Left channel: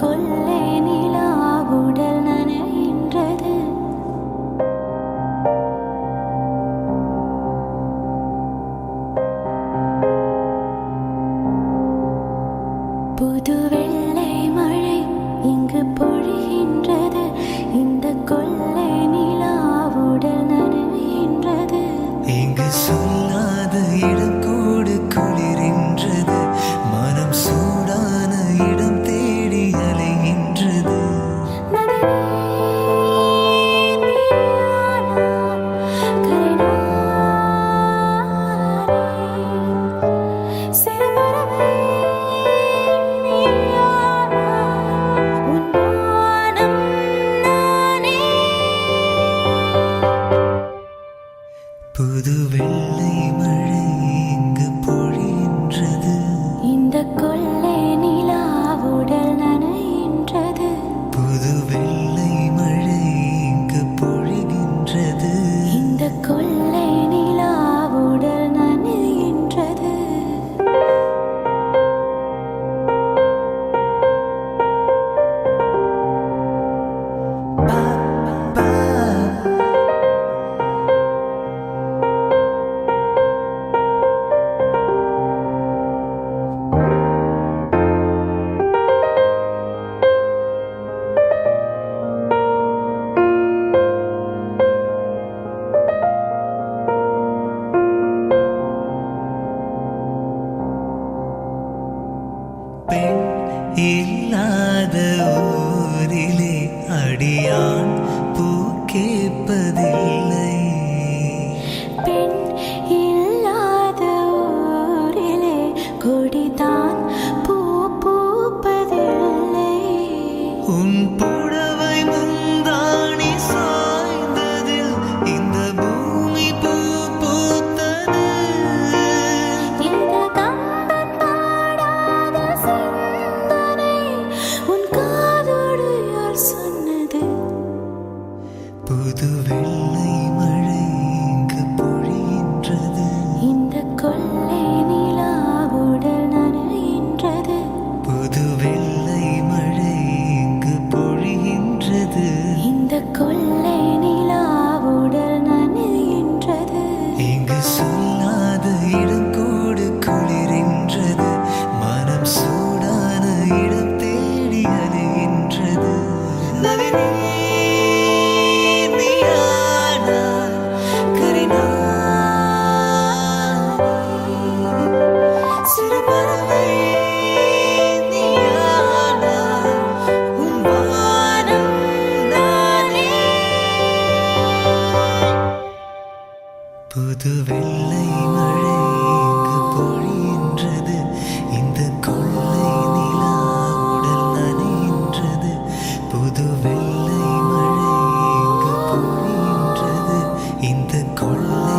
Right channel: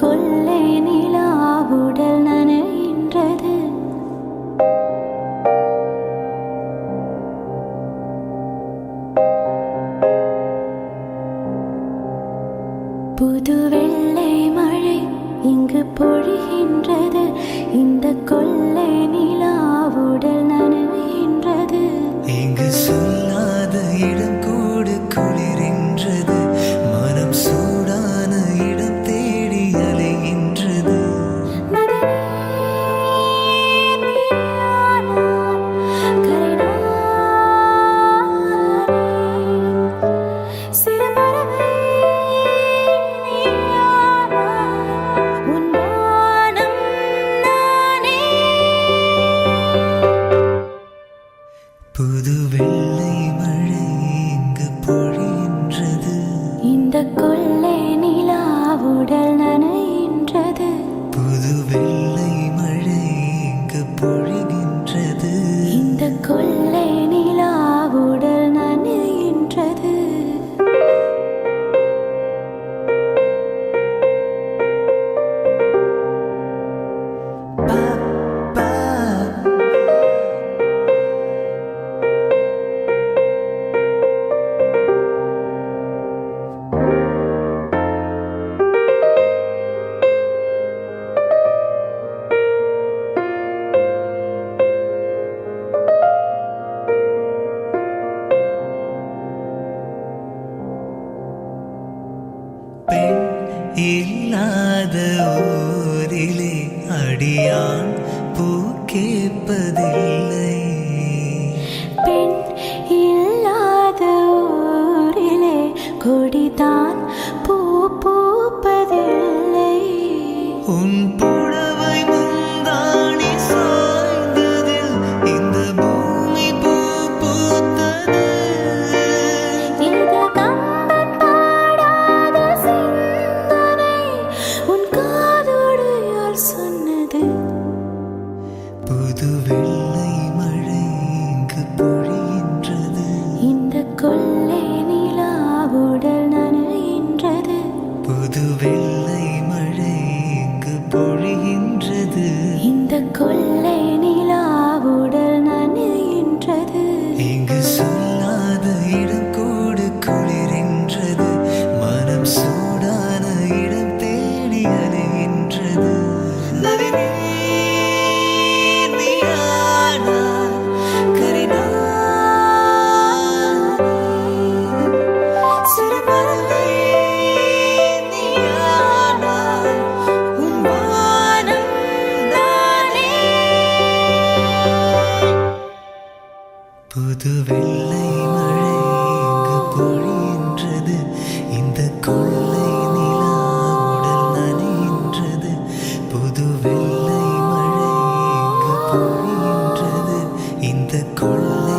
கொள்ளை நிலா உடல் நனைகின்றது. புது வெள்ளை மழை இங்கு பொழிகின்றது. இந்த கொள்ளை நிலா உடல் நனைகின்றது. இங்கு சொல்லாத இடம் கூடு குளிரின்றது. மனம் சூடான இடம் தேடி அலைகின்றது. புது வெள்ளை மழை இங்கு பொழிகின்றது. இந்த கொள்ளை நிலா உடல் நனைகின்றது. புது வெள்ளை மழை இங்கு பொழிகின்றது. இந்த கொள்ளை நிலா உடல் நனைகின்றது. பெண் இல்லாத ஊரிலே அடியான் பூ கேட்பதில்லை. பெண் இல்லாத ஊரிலே கொடிதான் பூ பூப்பதில்லை. உன் புடவை முந்தாணி சாய்ந்ததில் இந்த பூமி பூ பூத்தது. இது கம்பன் பாடாத சிந்தனை உன் காதோடு யார் சொன்னது? புது வெள்ளை மழை இங்கு பொழிகின்றது. இந்த கொள்ளை நிலா உடல் நனைகின்றது. புது வெள்ளை மழை இங்கு பொழிகின்றது. இந்த கொள்ளை நிலா உடல் நனைகின்றது. இங்கு சொல்லாத இடம் கூடு குளிரின்றது. மனம் சூடான இடம் தேடி அலைகின்றது. நளினி நீயானாய் கரிநாய். சிறு பறவை நீயானாய். உன் வானம் நானே. புது வெள்ளை மழை இங்கு பொழிகின்றது. இந்த கொள்ளை நிலா உடல் நனைகின்றது. புது வெள்ளை மழை இங்கு பொழிகின்றது. இந்த கொள்ளை